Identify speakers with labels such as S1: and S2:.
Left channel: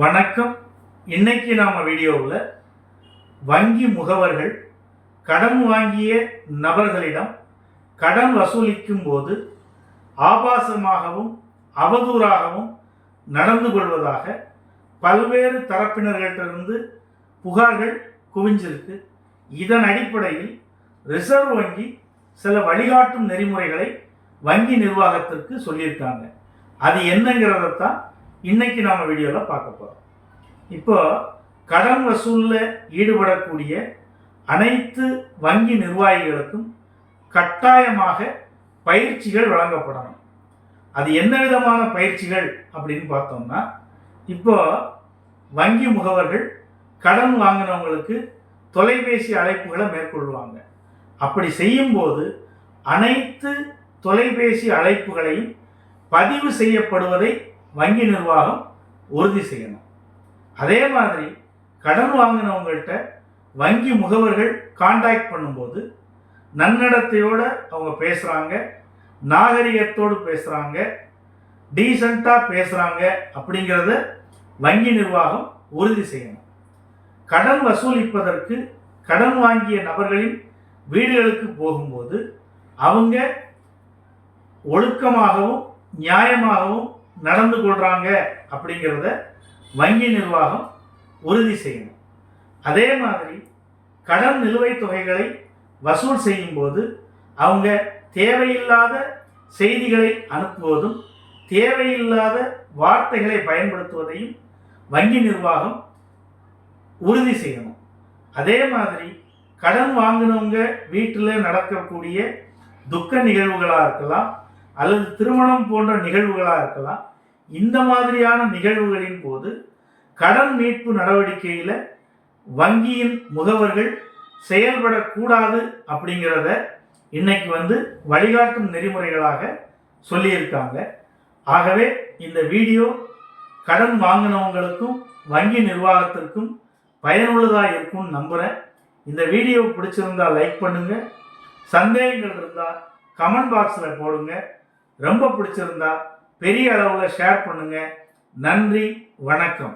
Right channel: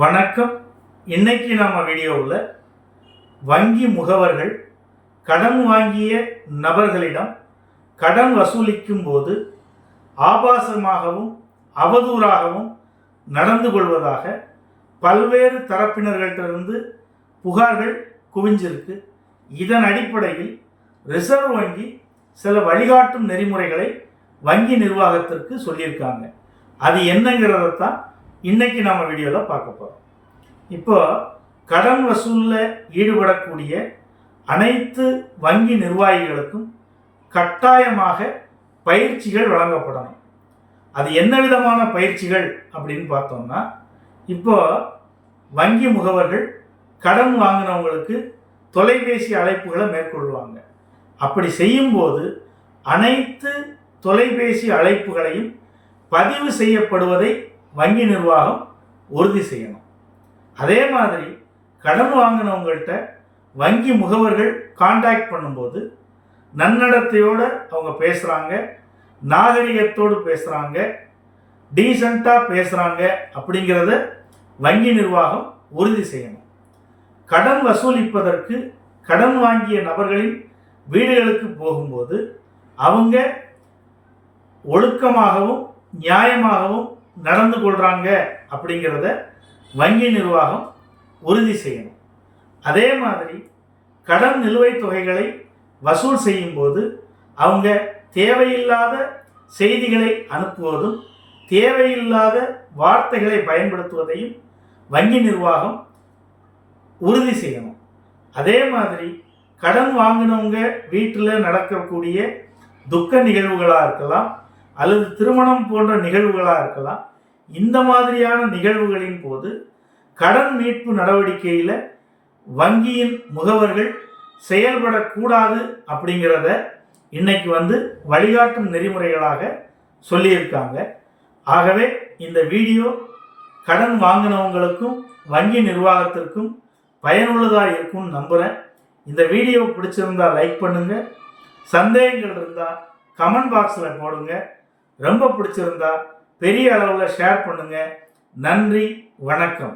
S1: வணக்கம். இன்னைக்கு நாம் வீடியோவில் வங்கி முகவர்கள் கடன் வாங்கிய நபர்களிடம் கடன் வசூலிக்கும் போது ஆபாசமாகவும் அவதூறாகவும் நடந்து கொள்வதாக பல்வேறு தரப்பினர்களிடமிருந்து புகார்கள் குவிஞ்சிருக்கு. இதன் அடிப்படையில் ரிசர்வ் வங்கி சில வழிகாட்டும் நெறிமுறைகளை வங்கி நிர்வாகத்திற்கு சொல்லியிருக்காங்க. அது என்னங்கிறத தான் இன்னைக்கு நம்ம வீடியோவில் பார்க்க போகிறோம் இப்போ கடன் வசூலில் ஈடுபடக்கூடிய அனைத்து வங்கி நிர்வாகிகளுக்கும் கட்டாயமாக பயிற்சிகள் வழங்கப்படணும். அது என்ன விதமான பயிற்சிகள் அப்படின்னு பார்த்தோம்னா இப்போ வங்கி முகவர்கள் கடன் வாங்கினவங்களுக்கு தொலைபேசி அழைப்புகளை மேற்கொள்வாங்க. அப்படி செய்யும்போது அனைத்து தொலைபேசி அழைப்புகளையும் பதிவு செய்யப்படுவதை வங்கி நிர்வாகம் உறுதி செய்யணும். அதே மாதிரி கடன் வாங்கினவங்கள்ட்ட வங்கி முகவர்கள் காண்டாக்ட் பண்ணும்போது நன்னடத்தையோடு அவங்க பேசுகிறாங்க நாகரிகத்தோடு பேசுகிறாங்க டீசண்டாக பேசுகிறாங்க அப்படிங்கிறத வங்கி நிர்வாகம் உறுதி செய்யணும். கடன் வசூலிப்பதற்கு கடன் வாங்கிய நபர்களின் வீடுகளுக்கு போகும்போது அவங்க ஒழுக்கமாகவும் நியாயமாகவும் நடந்து கொள்கிறாங்க அப்படிங்கிறத வங்கி நிர்வாகம் உறுதி செய்யணும். அதே மாதிரி கடன் நிலுவைத் தொகைகளை வசூல் செய்யும்போது அவங்க தேவையில்லாத செய்திகளை அனுப்புவதும் தேவையில்லாத வார்த்தைகளை பயன்படுத்துவதையும் வங்கி நிர்வாகம் உறுதி செய்யணும். அதே மாதிரி கடன் வாங்கினவங்க வீட்டில் நடக்கக்கூடிய துக்க நிகழ்வுகளாக இருக்கலாம் அல்லது திருமணம் போன்ற நிகழ்வுகளாக இருக்கலாம். இந்த மாதிரியான நிகழ்வுகளின் போது கடன் மீட்பு நடவடிக்கையில் வங்கியின் முகவர்கள் செயல்படக்கூடாது அப்படிங்கிறத இன்னைக்கு வந்து வழிகாட்டும் நெறிமுறைகளாக சொல்லியிருக்காங்க. ஆகவே இந்த வீடியோ கடன் வாங்கினவங்களுக்கும் வங்கி நிர்வாகத்திற்கும் பயனுள்ளதாக இருக்கும்னு நம்புகிறேன் இந்த வீடியோ பிடிச்சிருந்தா லைக் பண்ணுங்கள் சந்தேகங்கள் இருந்தால் கமெண்ட் பாக்ஸில் போடுங்கள் ரொம்ப பிடிச்சிருந்தா பெரிய அளவில் ஷேர் பண்ணுங்கள் நன்றி வணக்கம்.